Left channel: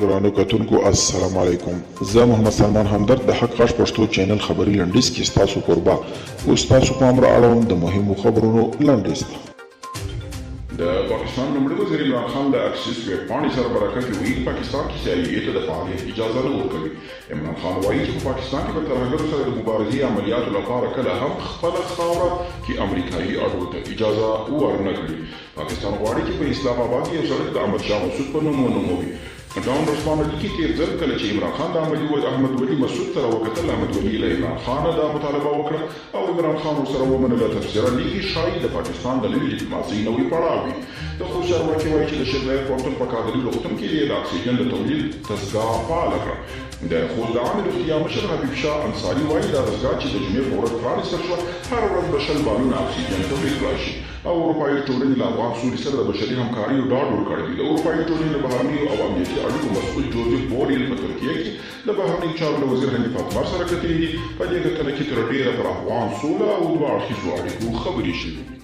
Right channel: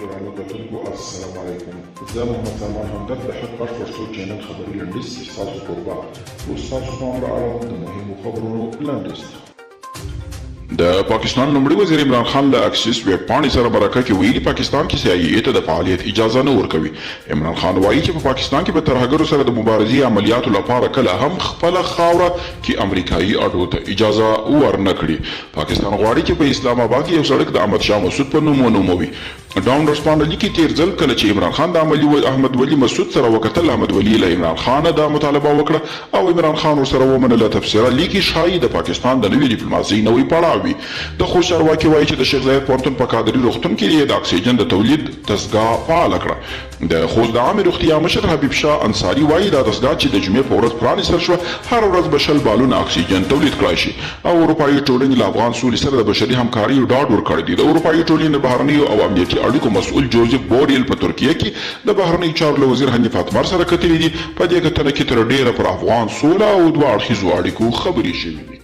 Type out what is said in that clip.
ګرانو کتونکو السلام علیکم. زه محمد سلمان همدرد د حق غږ پښتو چینل خبري لنډیز کې ستاسو کوربه اوس تاسو پام را اړوم د مهمو خبرونو لنډیز ته. د پاکستان لومړي وزیر عمران خان له اکسیس ویبپاڼې سره مرکه کې ویلي پاکستان کې CIA ته د فعالیت اجازه نه ورکوي. عمران خان وایي چې په پاکستان کې به ترهګرو سره د مبارزې عملیاتو لپاره کله هم خپله خاوره کې امریکایي اډو ته اجازه ورنه کړي. پاکستان غواړي چې په اسلام آباد کې یو سړک د احمد شاه مسعود په نوم ونوموي. ډاون ورسپانډلي کې تیر ځل کله چې عمران خان د احمد ولي مسعود سره وکتل، احمد ولي له عمران خان دا مطالبه وکړه او عمران خان ورسره ومنله. تفسیره لیکي ښایي د پاکستان د نوې ډیپلوماسۍ نوی پړاو وي. د خوست چارواکي وایي چې د شیخ زاید پوهنتون په کادري روغتون کې د اکسیجن د تولید دستګاه فعاله کړه. د خوست د عامې روغتیا مشر حبیب شاه انصاري وایي دا دستګاه چې د جمعې په ورځ پرانیستل شوه هر ورځ به 100 بالونه اکسیجن تولید کړای شي. او اروپایي ټولنې له افغان سولې سره د بشري همکارۍ ډاډ ورکړی دی. د اروپایي ټولنې د بهرنیو او امنیتي اړیکو مسؤل جوزف بوریل په ترکیه کې د بهرنیو چارو له وزیر حنیف اتمر سره کتلي دي. په دې کتنه کې تر ډیره پر افغان سوله او دوه اړخیزو اړیکو خبرې شوې دي.